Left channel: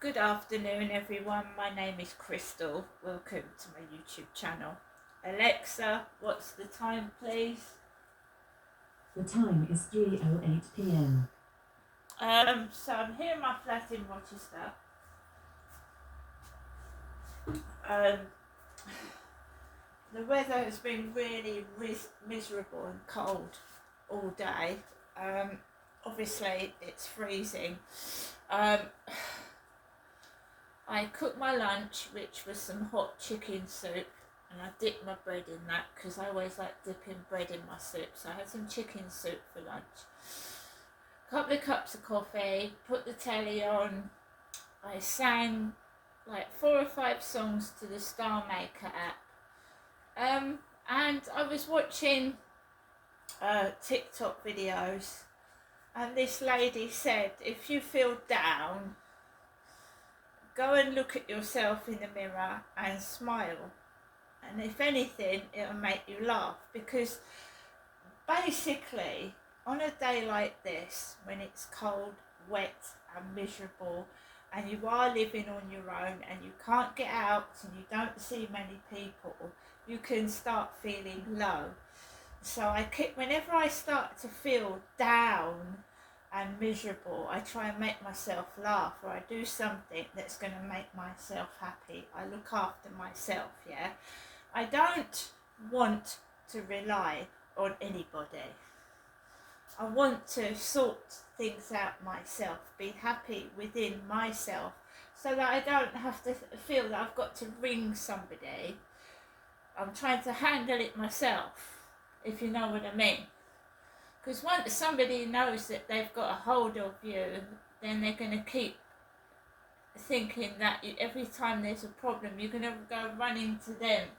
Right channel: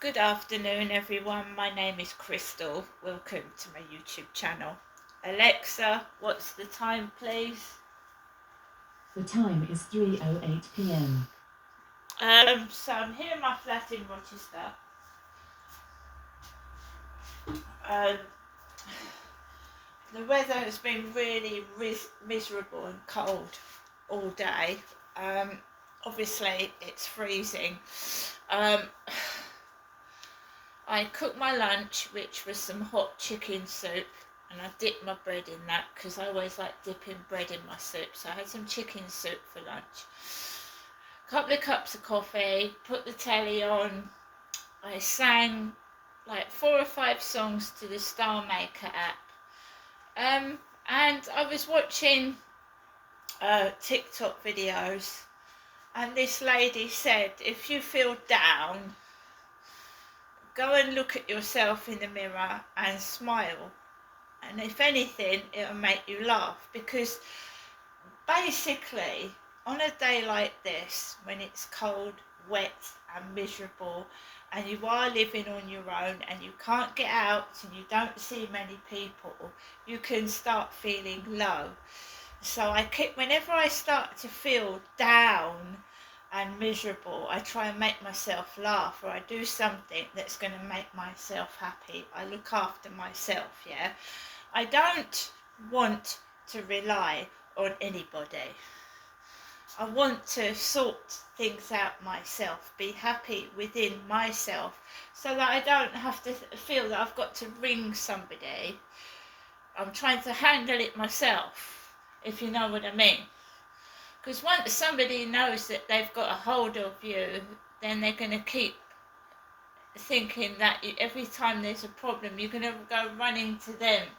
Good afternoon, everyone. My name is Crystal. Welcome to my YouTube channel. Alexa, what's the time, please? The time is 3:08 p.m. So I'm here in my flat in Rochester. Um, the weather has been really miserable and cold all day. Obviously, it's freezing. Um, I cooked my lunch, which was some hot chicken soup, and I dipped my bread in that because I always like dipping bread in my soup. So I had some chicken soup for lunch. A couple of cups of coffee, put the telly on. I sang like 4 or 5 songs to the Star Maker app. And I was watching TikTok videos, and this lady said, if you feel down, go and look at yourself in the mirror and smile, and if anything it'll make you laugh, because basically on a day like this, when it's cold, wet and miserable, and you are living on your own and you can't get out and you don't see many people, you can start feeling low. So whenever I start to feel down and miserable, I try and make myself laugh, or I do something that's going to make myself happy. I look after myself, yeah. I don't want to rely on anybody. I want to sort things out myself, be happy within myself, so that I don't have to feel that I've got to ring somebody. I'm trying to handle it myself, if you know what I mean. Because once somebody knows that they've got a hold of you, then they're going to keep thinking that every time there's a problem, you're going to go running to them.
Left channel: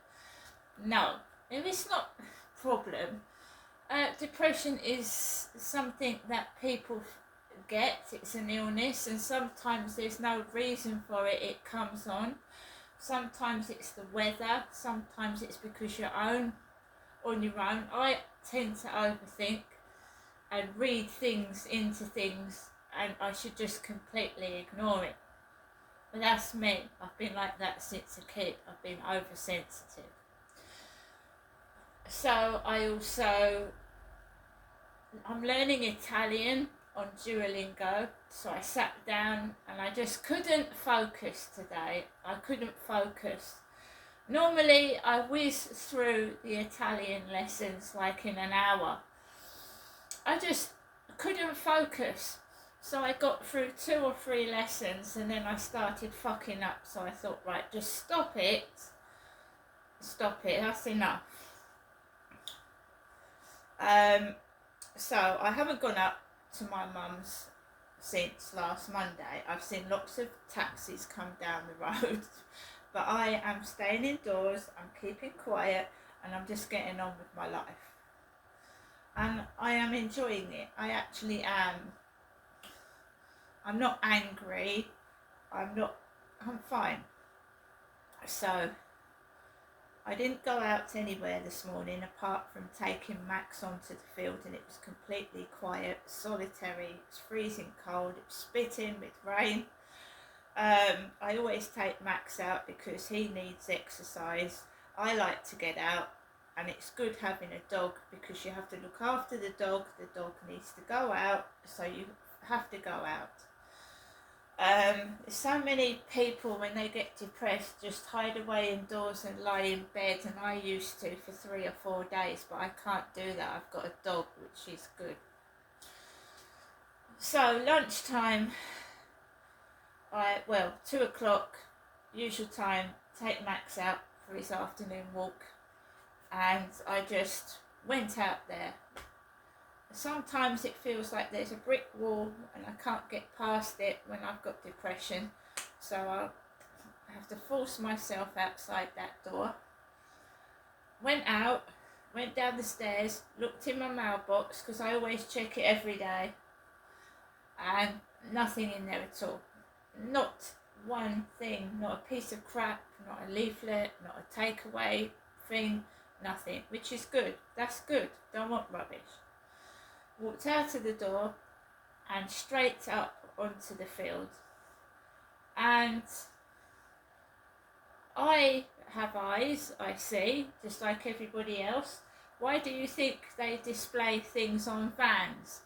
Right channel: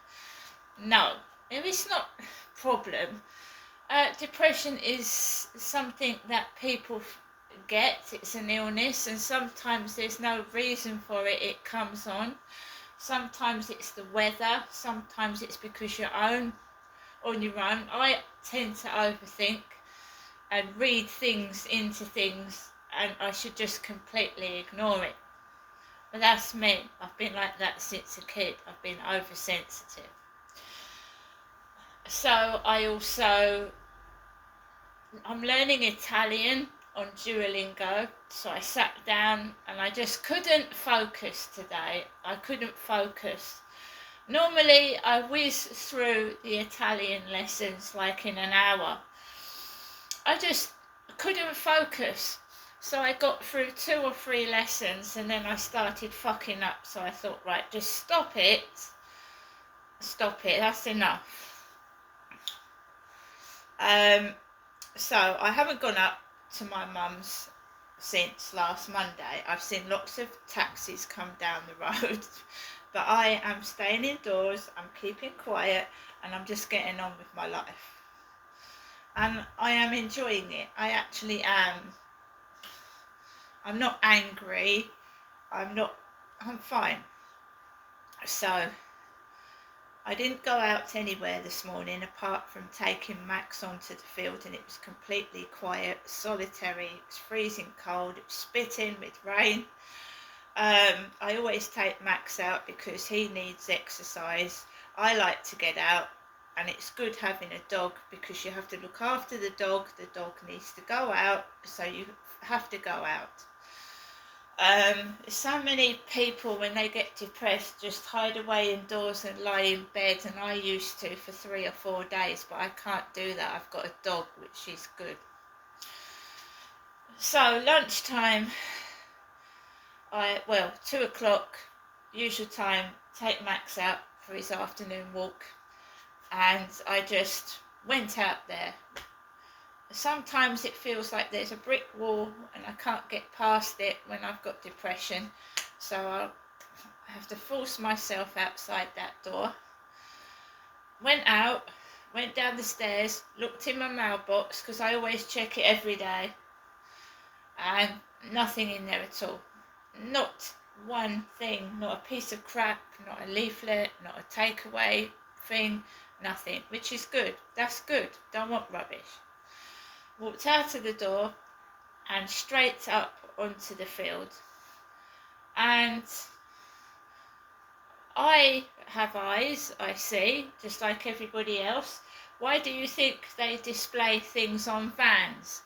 No, if it's not a problem, depression is something that people get. It's an illness, and sometimes there's no reason for it. It comes on. Sometimes it's the weather. Sometimes it's because you're on your own. I tend to overthink and read things into things, and I should just completely ignore it. But that's me. I've been like that since a kid. I've been oversensitive. So I'm learning Italian on Duolingo. So I sat down and I just couldn't focus today. I couldn't focus. Normally I whiz through the Italian lessons like in an hour. I just couldn't focus. So I got through 2 or 3 lessons and then I started fucking up. So I thought, right, just stop it. Stop it, that's enough. So I haven't gone up to my mum's since last Monday. I've seen lots of taxis come down the road, but I am staying indoors, I'm keeping quiet, and I'm just getting on with my life. And I am enjoying it. I actually am. I'm not angry. I'm fine. So I didn't go out anywhere this morning apart from taking Max onto the field, and it was completely quiet, solitary. It was freezing cold, it was spitting with rain. I always take Max out because he needs exercise. I like to get out, and it's good having a dog because you have to look after the dog needs to go out, so you have to go out. So many people, when they get depressed, just hide away indoors and lie in bed, and I used to for 3 or 4 days, but I can't do that. I've got a dog, which is good. So lunchtime, 2 o'clock, usual time, take Max out for his afternoon walk, and I just went out there. Sometimes it feels like there's a brick wall and I can't get past it when I've got depression, so I have to force myself outside that door. Went out, went down the stairs, looked in my mailbox because I always check it every day, and nothing in there at all. Not one thing, not a piece of crap, not a leaflet, not a takeaway thing, nothing, which is good. That's good. Don't want rubbish. Walked out of the door and straight up onto the field. And I have eyes, I see, just like everybody else. Why do you think they display things on vans?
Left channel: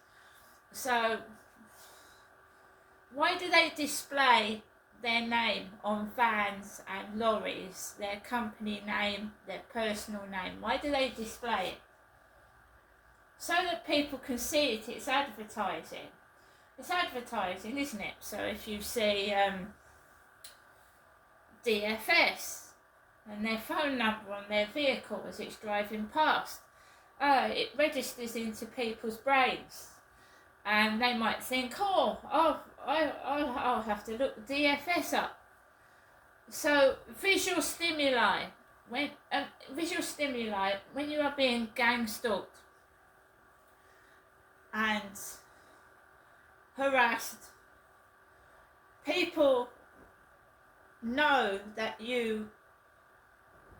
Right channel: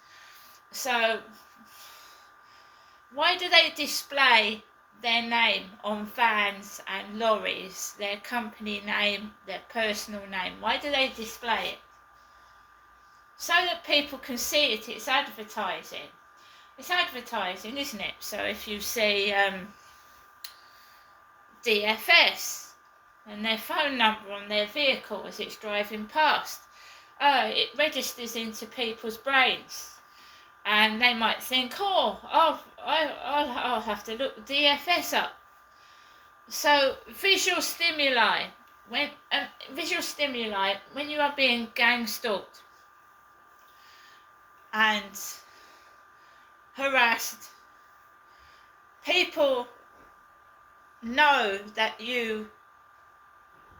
So, why do they display their name on vans and lorries, their company name, their personal name? Why do they display it? So that people can see it. It's advertising. It's advertising, isn't it? So if you see DFS and their phone number on their vehicle as it's driving past, it registers into people's brains. And they might think, I'll have to look DFS up. So visual stimuli, when you are being gang stalked and harassed, people know that you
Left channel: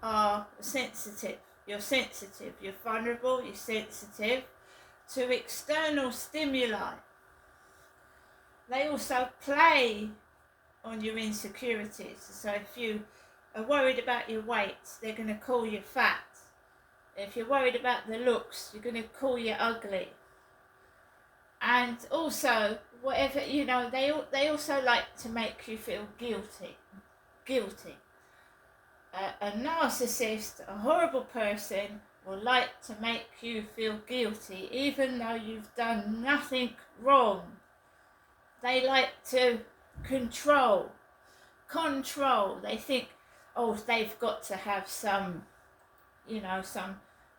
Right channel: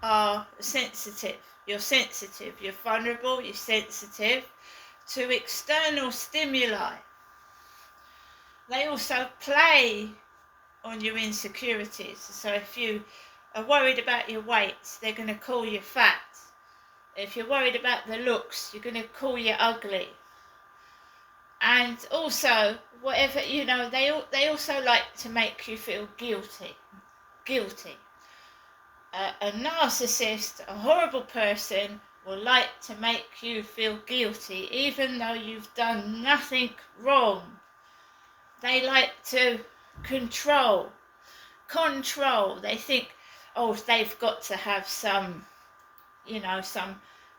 are sensitive. You're sensitive, you're vulnerable, you're sensitive to external stimuli. They also play on your insecurities. So if you are worried about your weight, they're going to call you fat. If you're worried about the looks, you're going to call you ugly. And also, whatever, they also like to make you feel guilty. A narcissist, a horrible person, will like to make you feel guilty even though you've done nothing wrong. They like to control. They think, they've got to have some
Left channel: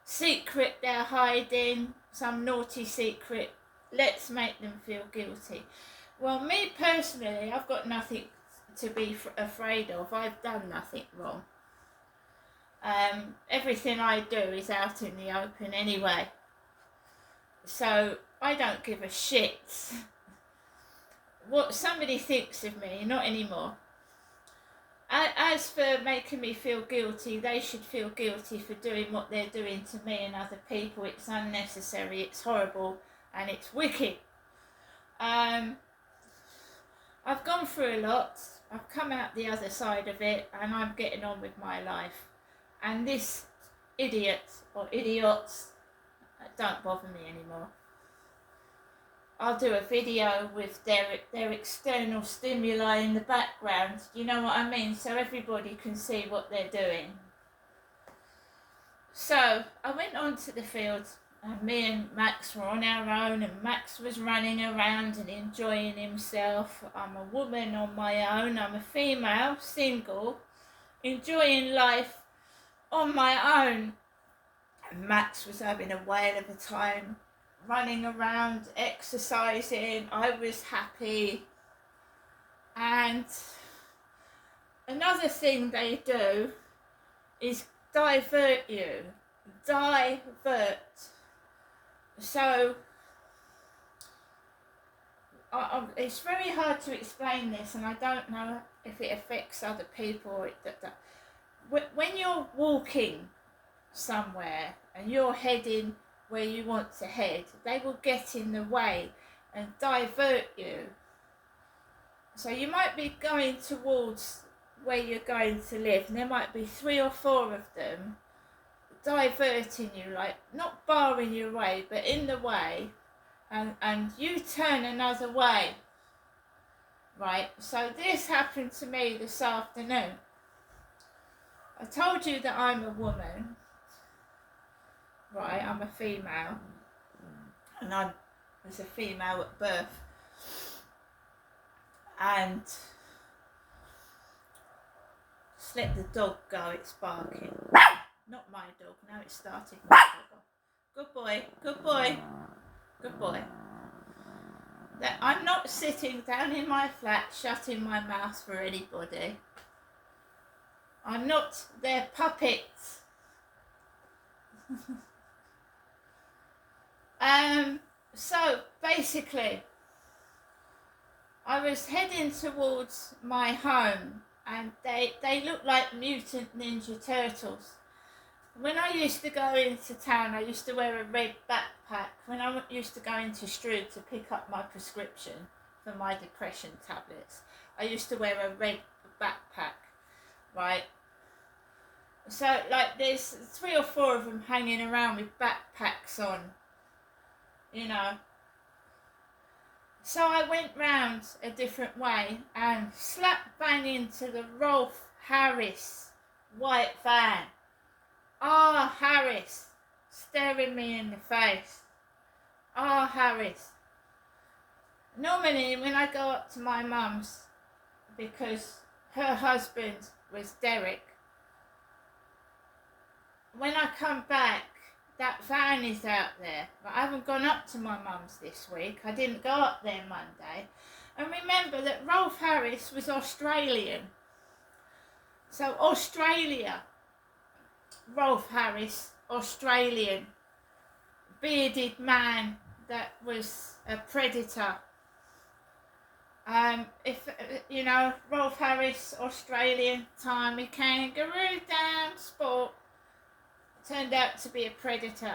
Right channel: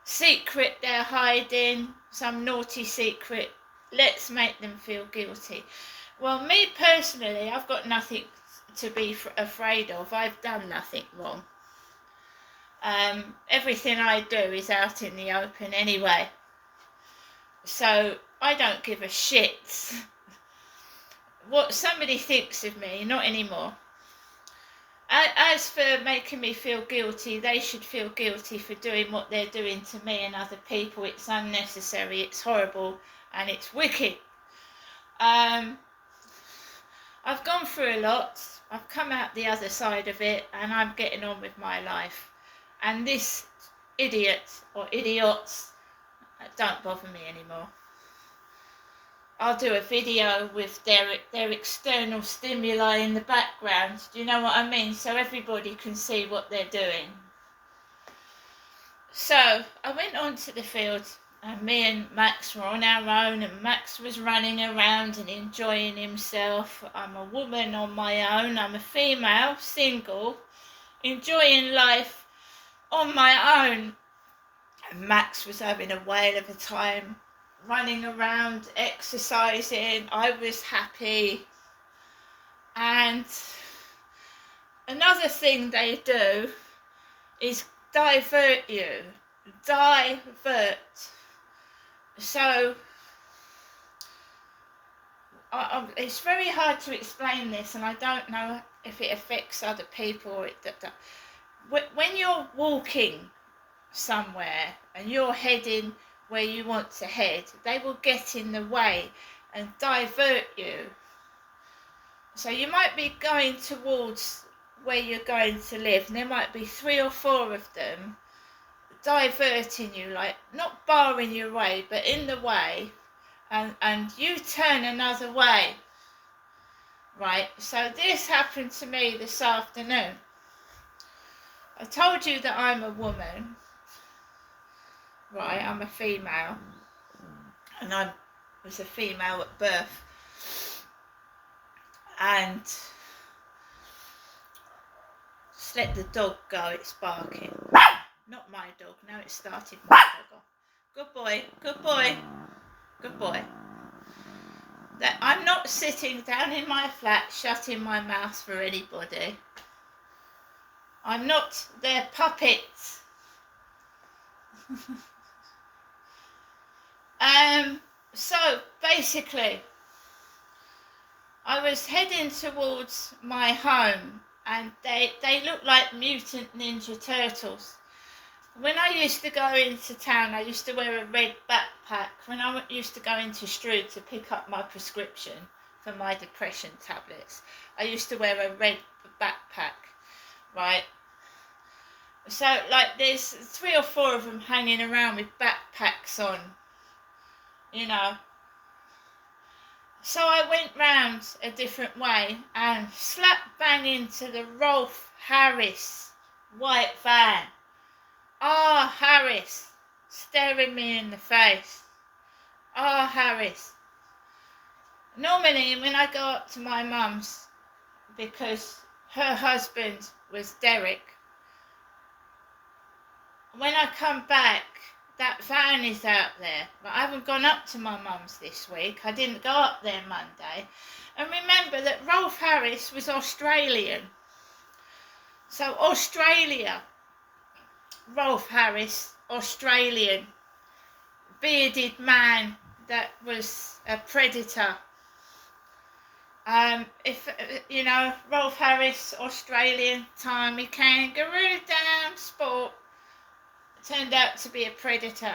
secret they're hiding, some naughty secret. Let's make them feel guilty. Well, me personally, I've got nothing to be afraid of. I've done nothing wrong. Everything I do is out in the open anyway. So I don't give a shit what somebody thinks of me, not anymore. As for making me feel guilty, they should feel guilty for doing what they're doing to me and other people. It's unnecessary, it's horrible, and it's wicked. I've gone through a lot. I've come out the other side of it, and I'm getting on with my life. And this idiot or idiots don't bother me anymore. I'll do a video with their external stimuli in the background. Do you know what I mean? So everybody can see what they're doing. So I went onto the field, and me and Max were on our own, and Max was running around and enjoying himself. I'm a woman on my own. I'm a female, single, enjoying life on my own. And Max was having a whale of a time, running around, exercising. I was happy. And another thing they do is divert you. So it's very hard to explain this, and I don't know if it affects other people or when you're walking somewhere and you're heading where you want to head, they will get in the way and divert you. So you might be going towards where you're going to live, and there might be 3 or 4 of them diverting you, like not barring your way, but in the way, and you turn another way. Right, so this happened to me this afternoon. I told you that I'm a woman, right? I'm a female, and I was a female at birth, and just let the dog go, it's barking. Not my dog, now it started my dog off. Good boy. That I'm not sitting down in my flat shutting my mouth for anybody. I'm not their puppet. So basically, I was heading towards my home, and they look like mutant Ninja Turtles. When I used to go into town, I used to wear a red backpack. When I used to go into Strood to pick up my prescription for my depression tablets. I used to wear a red backpack, right? So like there's 3 or 4 of them hanging around with backpacks on, you know. So I went round a different way and slap bang into the Rolf Harris white van. Ah, Harris, staring me in the face. Ah, Harris. Normally when I go up to my mum's, because her husband was Derek, when I come back, that van is out there. But I haven't gone up to my mum's this week. I didn't go up there Monday. And remember that Rolf Harris was Australian. So Australia, Rolf Harris, Australian, bearded man that was a predator. If you know, Rolf Harris, Australian, Tommy Kangaroo Down Sport, turned out to be a predator.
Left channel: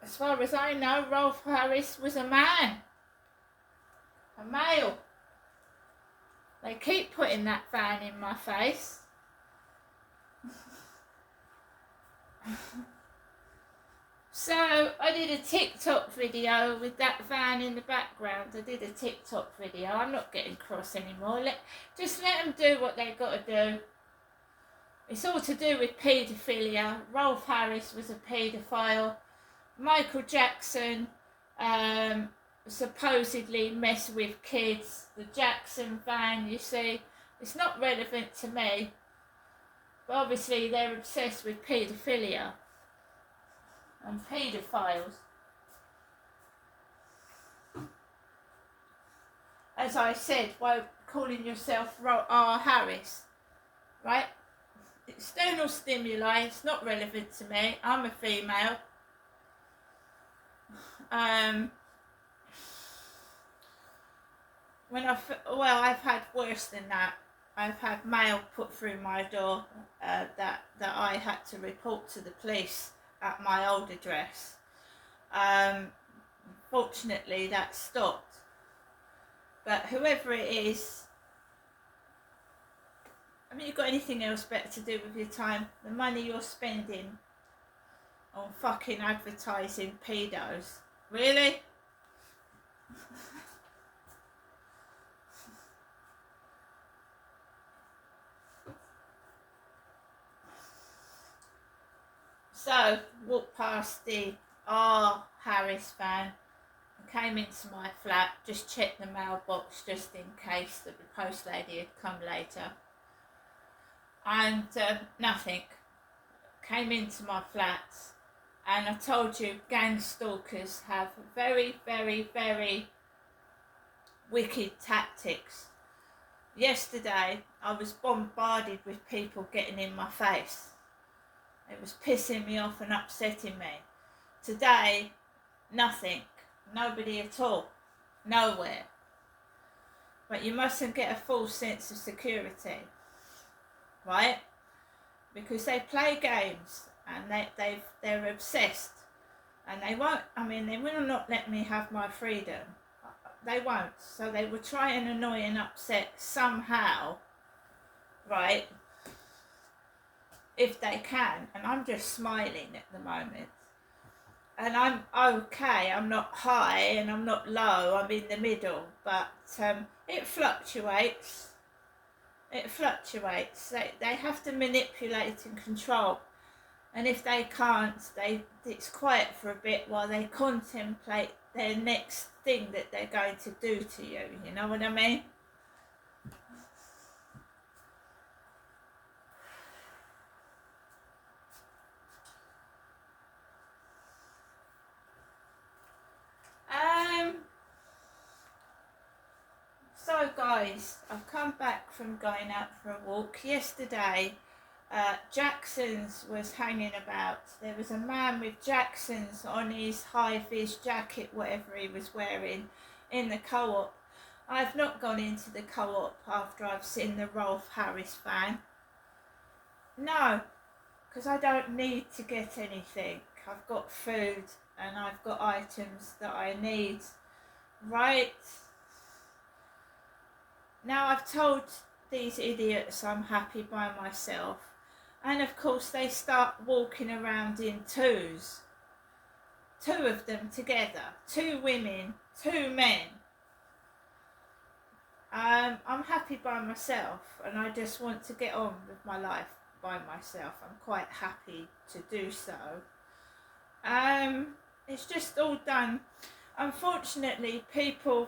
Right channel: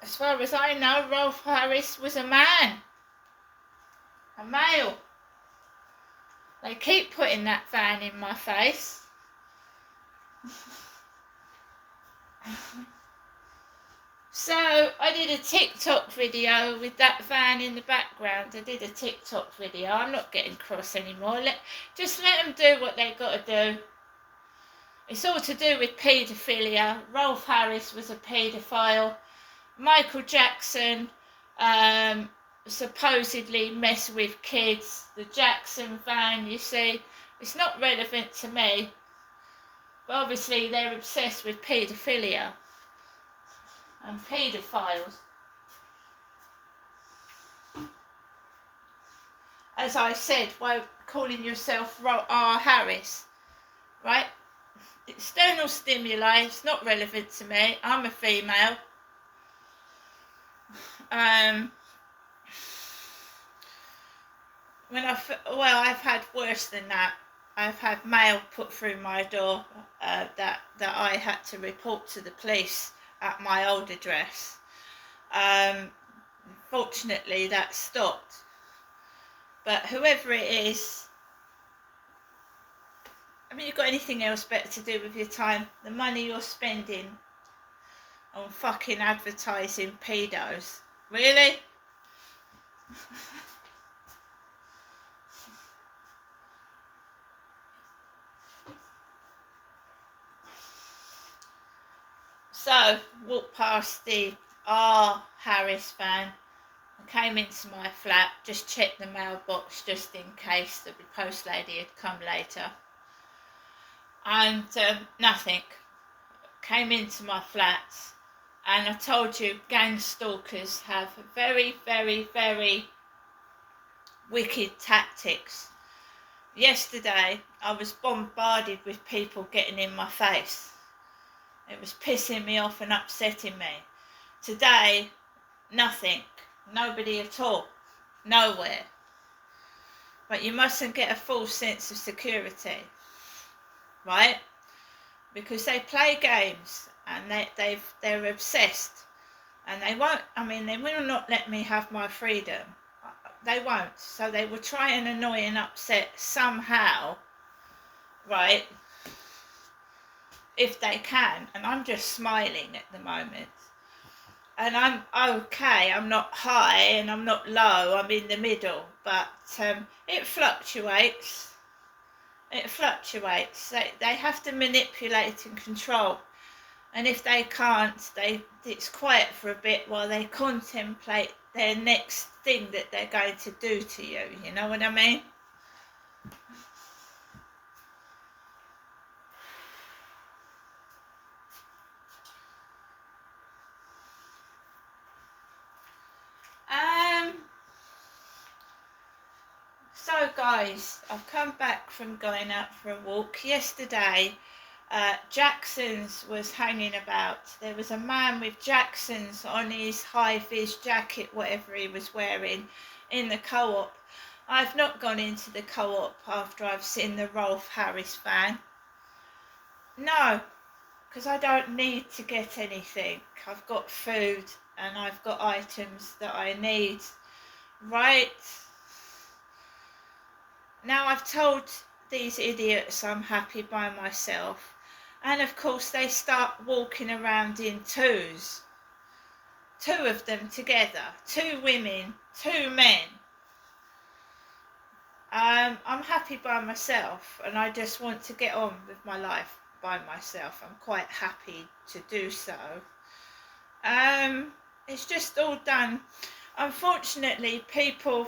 As far as I know, Rolf Harris was a man, a male. They keep putting that van in my face. So I did a TikTok video with that van in the background. I did a TikTok video. I'm not getting cross anymore. Just let them do what they got to do. It's all to do with paedophilia. Rolf Harris was a paedophile. Michael Jackson supposedly messed with kids. The Jackson van, you see, it's not relevant to me. But obviously they're obsessed with paedophilia and paedophiles. As I said, by calling yourself R. Harris, right? External stimuli, it's not relevant to me. I'm a female. I've had worse than that. I've had mail put through my door that I had to report to the police at my old address. Fortunately, that stopped. But whoever it is, I mean, you've got anything else better to do with your time? The money you're spending on fucking advertising pedos. Really? So, walked past the R. Harris van. I came into my flat, just checked the mailbox just in case the post lady had come later. And nothing. Came into my flat, and I told you gang stalkers have very, very, very wicked tactics. Yesterday I was bombarded with people getting in my face. It was pissing me off and upsetting me. Today, nothing. Nobody at all. Nowhere. But you mustn't get a false sense of security. Right? Because they play games and they're obsessed. And they will not let me have my freedom. They won't. So they will try and annoy and upset somehow. Right? If they can. And I'm just smiling at the moment. And I'm okay. I'm not high and I'm not low. I'm in the middle. But it fluctuates. It fluctuates. They have to manipulate and control. And if they can't, it's quiet for a bit while they contemplate their next thing that they're going to do to you. You know what I mean? So guys, I've come back from going out for a walk. Yesterday, Jackson's was hanging about. There was a man with Jackson's on his high-vis jacket, whatever he was wearing, in the co-op. I've not gone into the co-op after I've seen the Rolf Harris van. No, because I don't need to get anything. I've got food and I've got items that I need. right? Now I've told these idiots I'm happy by myself, and of course they start walking around in twos. Two of them together, two women, two men. I'm happy by myself, and I just want to get on with my life by myself. I'm quite happy to do so. It's just all done. Unfortunately, people,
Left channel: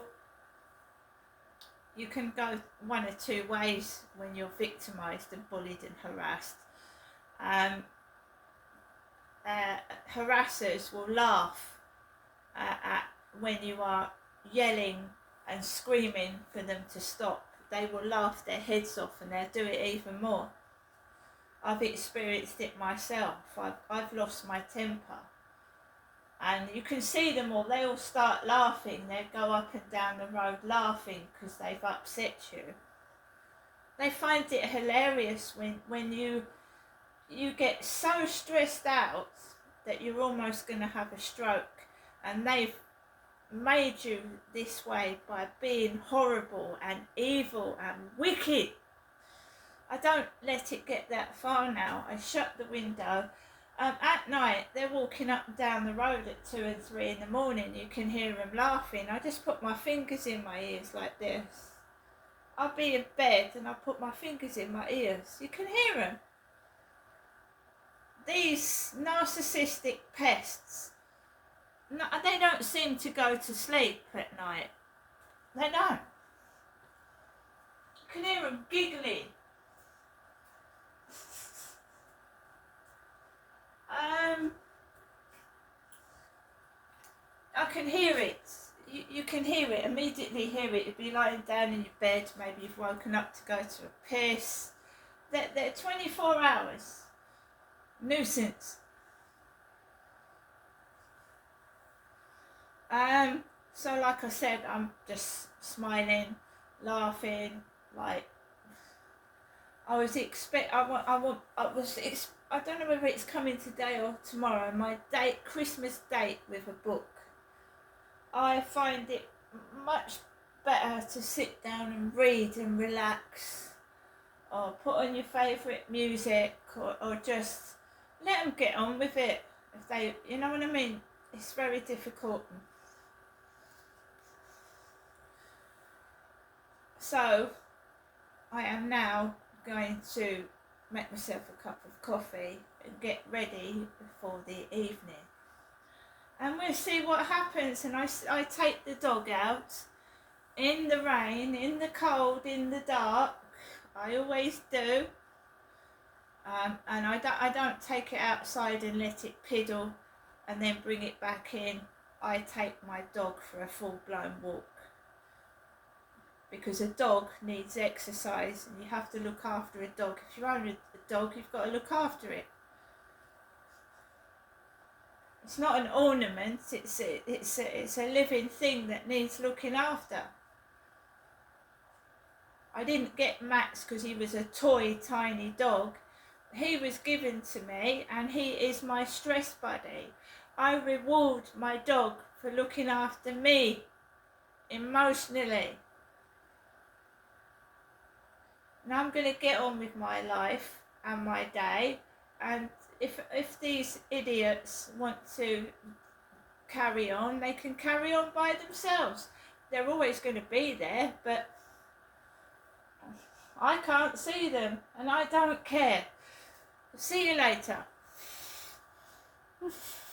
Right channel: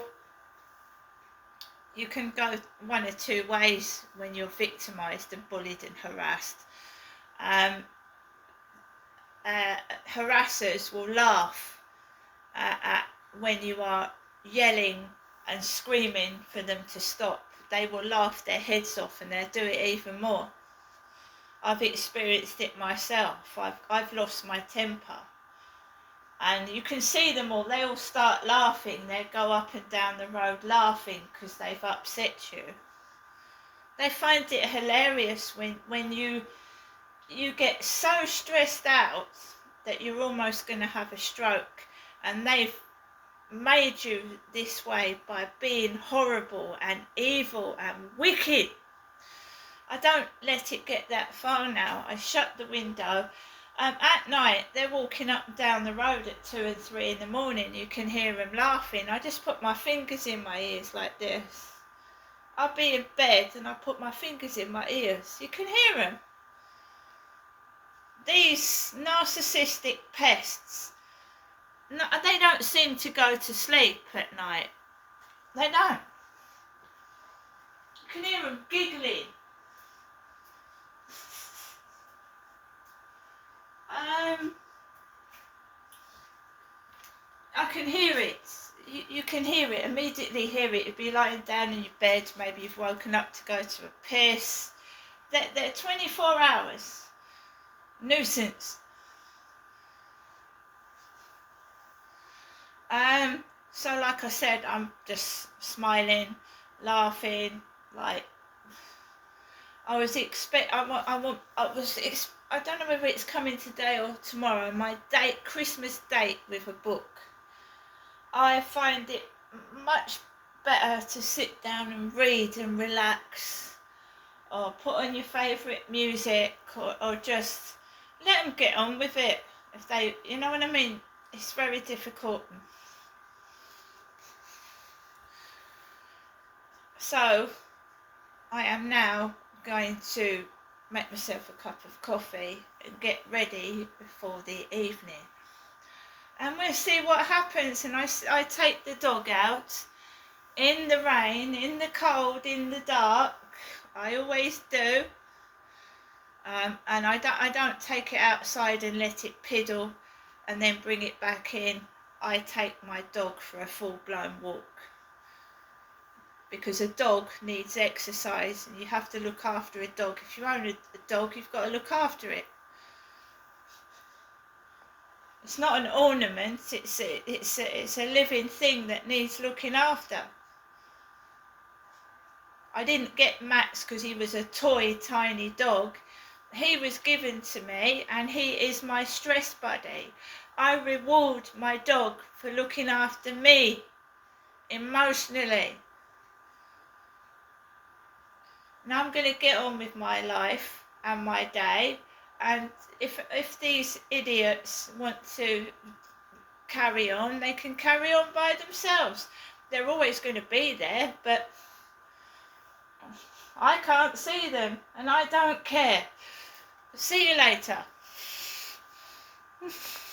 you can go one or two ways when you're victimised and bullied and harassed. Um, Harassers will laugh at when you are yelling and screaming for them to stop. They will laugh their heads off and they'll do it even more. I've experienced it myself. I've lost my temper. And you can see them all, they all start laughing. They go up and down the road laughing because they've upset you. They find it hilarious when you get so stressed out that you're almost going to have a stroke, and they've made you this way by being horrible and evil and wicked. I don't let it get that far now. I shut the window. At night, they're walking up and down the road at 2 and 3 in the morning. You can hear them laughing. I just put my fingers in my ears like this. I'll be in bed and I'll put my fingers in my ears. You can hear them. These narcissistic pests, they don't seem to go to sleep at night. They don't. You can hear them giggling. I can hear it. You can hear it, immediately hear it. You'd be lying down in your bed, maybe you've woken up to go to a piss. They're 24 hours. Nuisance. So like I said, I'm just smiling, laughing, like I don't know whether it's coming today or tomorrow, my Christmas date with a book. I find it much better to sit down and read and relax, or put on your favourite music, or just let them get on with it. If they, you know what I mean? It's very difficult. So I am now going to make myself a cup of coffee and get ready for the evening. And we'll see what happens. And I take the dog out in the rain, in the cold, in the dark. I always do. And I don't take it outside and let it piddle and then bring it back in. I take my dog for a full-blown walk. Because a dog needs exercise, and you have to look after a dog. If you own a dog, you've got to look after it. It's not an ornament, it's a living thing that needs looking after. I didn't get Max because he was a toy tiny dog. He was given to me, and he is my stress buddy. I reward my dog for looking after me emotionally. Now I'm going to get on with my life and my day, and if these idiots want to carry on, they can carry on by themselves. They're always going to be there, but I can't see them, and I don't care. See you later.